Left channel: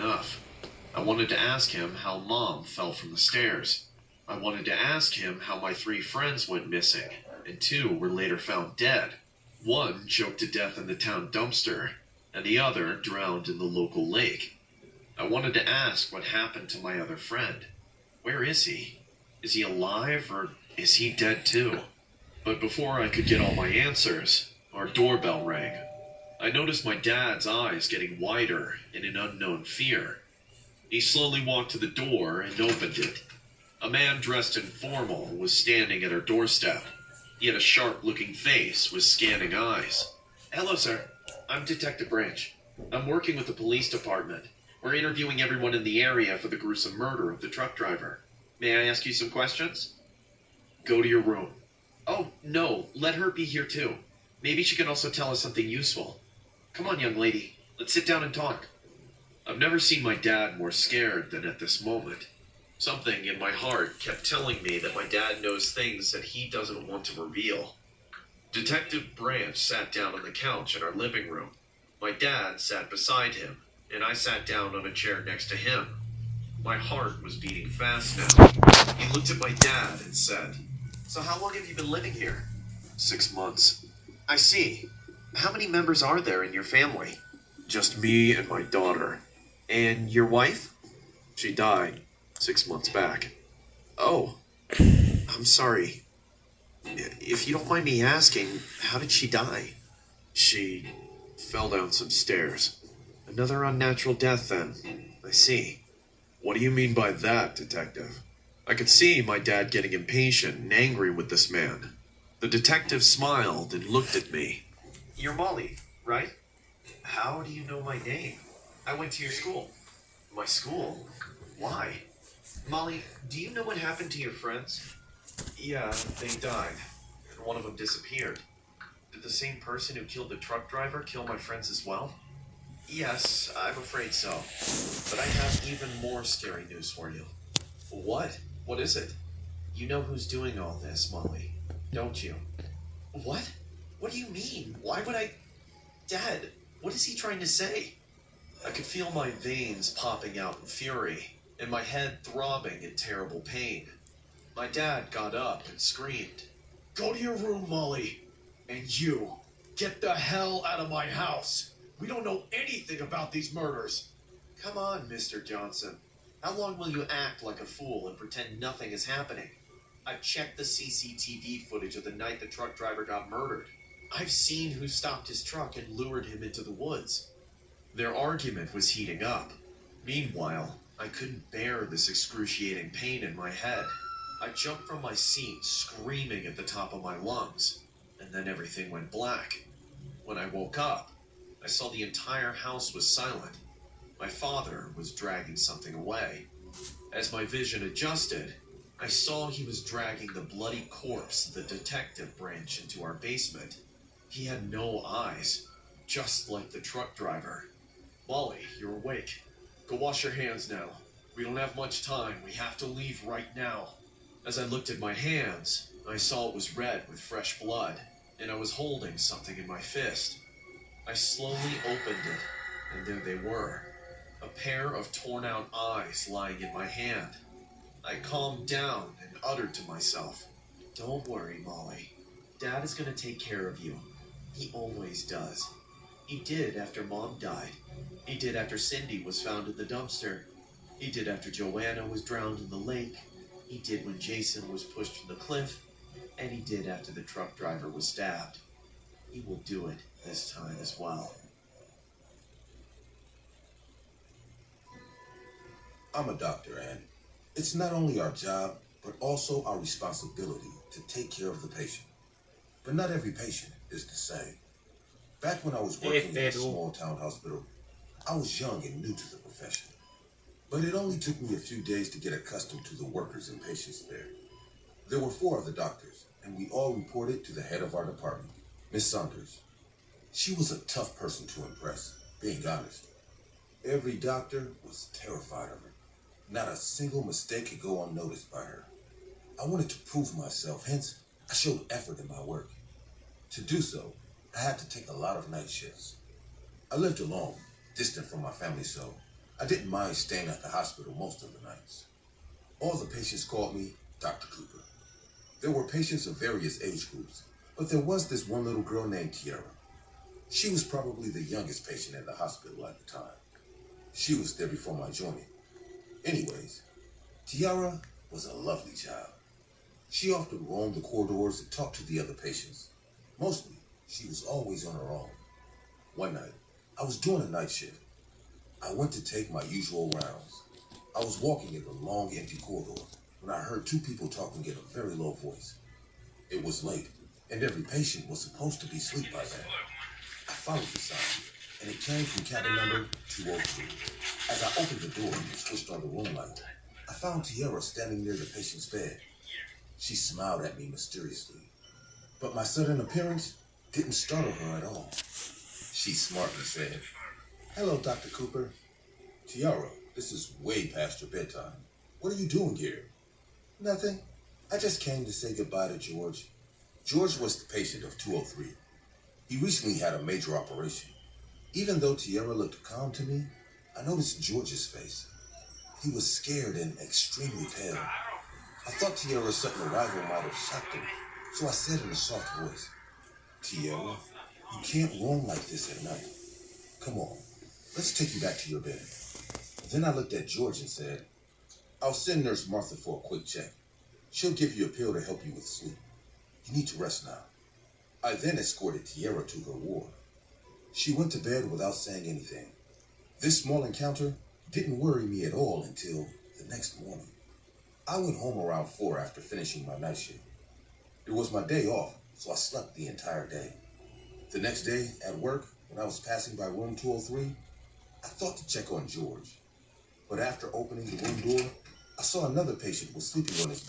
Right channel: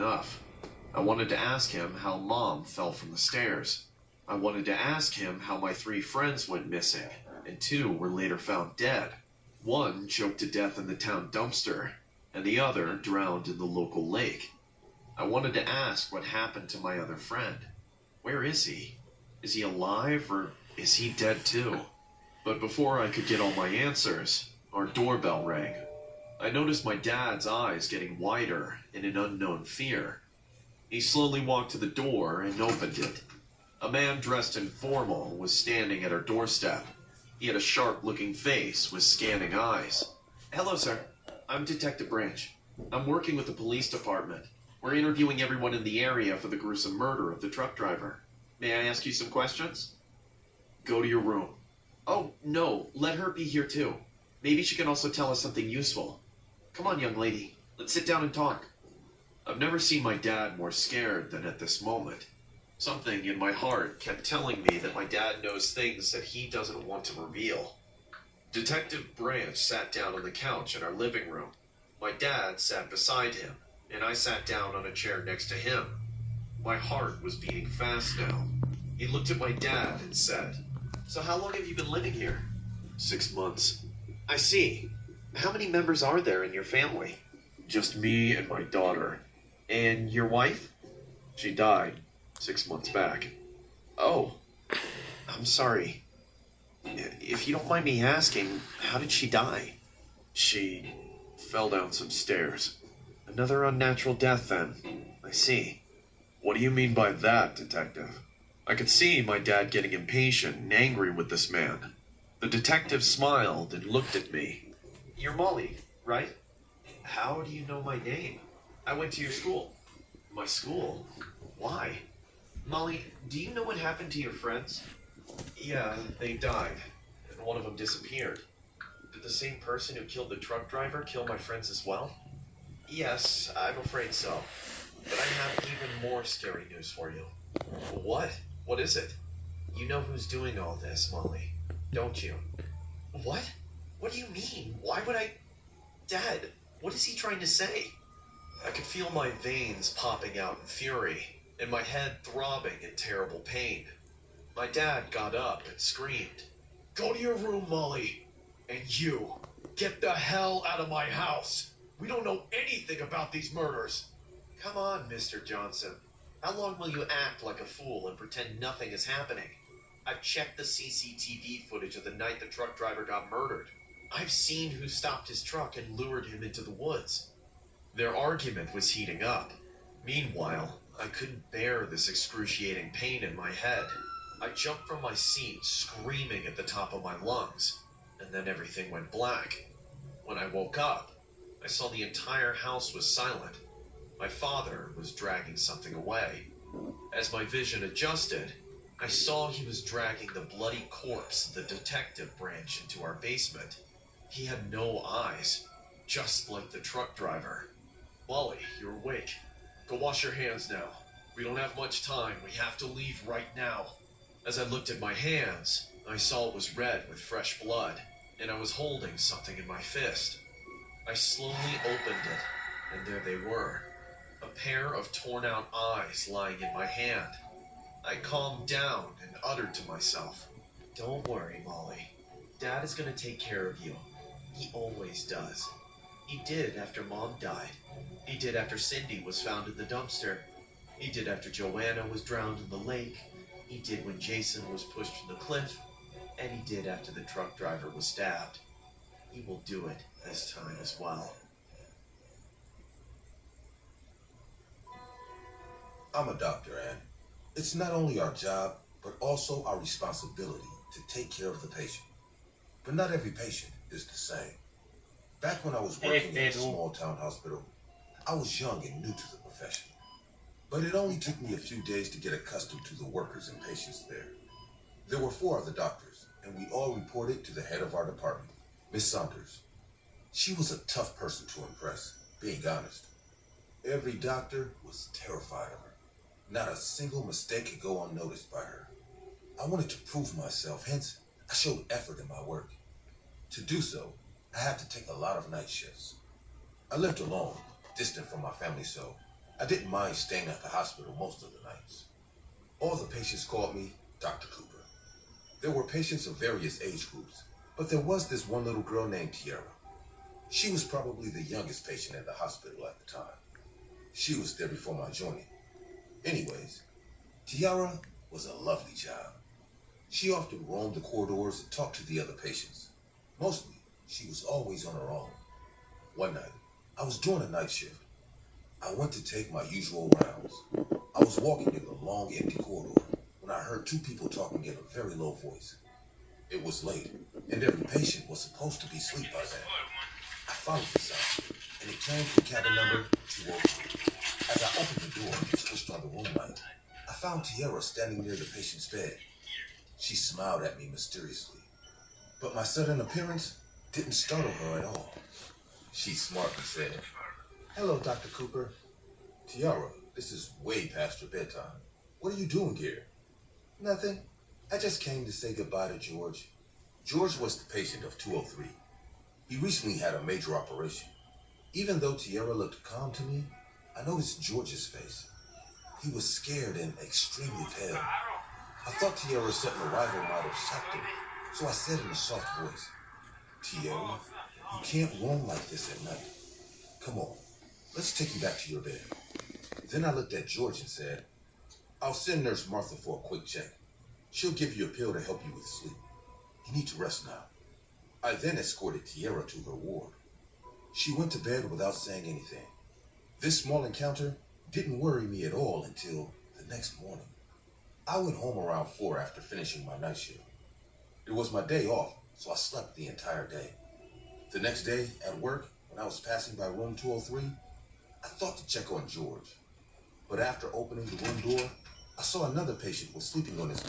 enough. I wanted to ask him how Mom fell from the stairs. I wanted to ask him how my three friends went missing, and two were later found dead. One choked to death in the town dumpster, and the other drowned in the local lake. I wanted to ask what happened to my other friend. Where is he? Is he alive, or is he dead too? But before I could get all my answers, our doorbell rang. I noticed my dad's eyes getting wider in an unknown fear. He slowly walked to the door and opened it. A man dressed in formal was standing at our doorstep. He had a sharp-looking face with scanning eyes. "Hello, sir. I'm Detective Branch. I'm working with the police department. We're interviewing everyone in the area for the gruesome murder of the truck driver. May I ask you some questions?" "Go to your room." "Oh, no. Let her be here, too. Maybe she can also tell us something useful. Come on, young lady. Let's sit down and talk." I've never seen my dad more scared than at this moment. Something in my heart kept telling me that my dad knows things that he doesn't want to reveal. Detective Branch sat down on the couch in our living room. My dad sat beside him, and I sat down on a chair next to him. My heart was beating fast now. He looked at my dad and said, "So how long have you been living here?" "6 months." "I see. How many members are there in your family?" "Just me and my daughter." "And your wife?" "She died 6 months back." "Oh, I'm sorry. If you don't mind me asking, how did she die?" "She fell down some stairs." "Another unnatural death, then. I see." "What do you mean by that, Detective?" I could see my dad getting impatient and angry with this man. The detective smiled and looked at me. "You're Molly, right? How do you know my name? I went to your school." "My school? Why?" "Molly, do you know what happened to your friends?" "Yeah, they died, and one of them disappeared." "Did the same person who killed the truck driver kill my friends as well?" "Yes, I'm afraid so. But I have even more scary news for you." "What? What is it?" "You know who's doing all this, Molly, don't you?" "What? What do you mean? Why would I... Dad, what is he trying to say?" I could feel my veins popping out in fury, and my head throbbing in terrible pain. My dad got up and screamed, "Go to your room, Molly. And you, get the hell out of my house. We don't know anything about these murders." "Come on, Mr. Johnson. How long will you act like a fool and pretend nothing is happening? I've checked the CCTV footage of the night the truck driver got murdered. I've seen who stopped his truck and lured him into the woods." Their argument was heating up. Meanwhile, I couldn't bear this excruciating pain in my head. I jumped from my seat, screaming at the top of my lungs, and then everything went black. When I woke up, I saw the entire house was silent. My father was dragging something away. As my vision adjusted, I saw he was dragging the bloody corpse of the detective Branch into our basement. He had no eyes, just like the truck driver. "Molly, you're awake. Go wash your hands now. We don't have much time. We have to leave right now." As I looked at my hands, I saw it was red with fresh blood, and I was holding something in my fist. I slowly opened it, and there they were, a pair of torn-out eyes lying in my hand. I calmed down and uttered to myself, "Don't worry, Molly. Dad is going to take care of you. He always does. He did after Mom died. He did after Cindy was found in the dumpster. He did after Joanna was drowned in the lake. He did when Jason was pushed from the cliff. And he did after the truck driver was stabbed. He will do it this time as well." I'm a doctor, and it's not only our job, but also our responsibility to take care of the patient. But not every patient is the same. Back when I was working in a small town hospital, I was young and new to the profession. But it only took me a few days to get accustomed to the workers and patients there. There were 4 other doctors, and we all reported to the head of our department, Miss Saunders. She was a tough person to impress, being honest. Every doctor was terrified of her. Not a single mistake could go unnoticed by her. I wanted to prove myself, hence I showed effort in my work. To do so, I had to take a lot of night shifts. I lived alone, distant from my family, so I didn't mind staying at the hospital most of the nights. All the patients called me Dr. Cooper. There were patients of various age groups, but there was this one little girl named Tiara. She was probably the youngest patient in the hospital at the time. She was there before my joining. Anyways, Tiara was a lovely child. She often roamed the corridors and talked to the other patients. Mostly, she was always on her own. One night, I was doing a night shift. I went to take my usual rounds. I was walking in the long, empty corridor when I heard two people talking in a very low voice. It was late, and every patient was supposed to be asleep by then. I followed the sound, and it came from cabin number 203. As I opened the door and switched on the room light, I found Tiara standing near the patient's bed. She smiled at me mysteriously, but my sudden appearance didn't startle her at all. She smartly said, "Hello, Dr. Cooper." "Tiara, this is way past your bedtime. What are you doing here?" "Nothing. I just came to say goodbye to George." George was the patient of 203. He recently had a major operation. Even though Tiara looked calm to me, I noticed George's face. He was scared and extremely pale. I thought Tiara's sudden arrival might have shocked him, so I said in a soft voice, "Tiara, you can't roam like this at night. Come on, let's take you back to your bed." Then I looked at George and said, "I'll send Nurse Martha for a quick check. She'll give you a pill to help you with sleep. You need to rest now." I then escorted Tiara to her ward. She went to bed without saying anything. This small encounter didn't worry me at all until the next morning. I went home around 4 after finishing my night shift. It was my day off, so I slept the entire day. The next day, at work, when I was passing by room 203, I thought to check on George. But after opening the room door, I saw another patient was sleeping on his bed.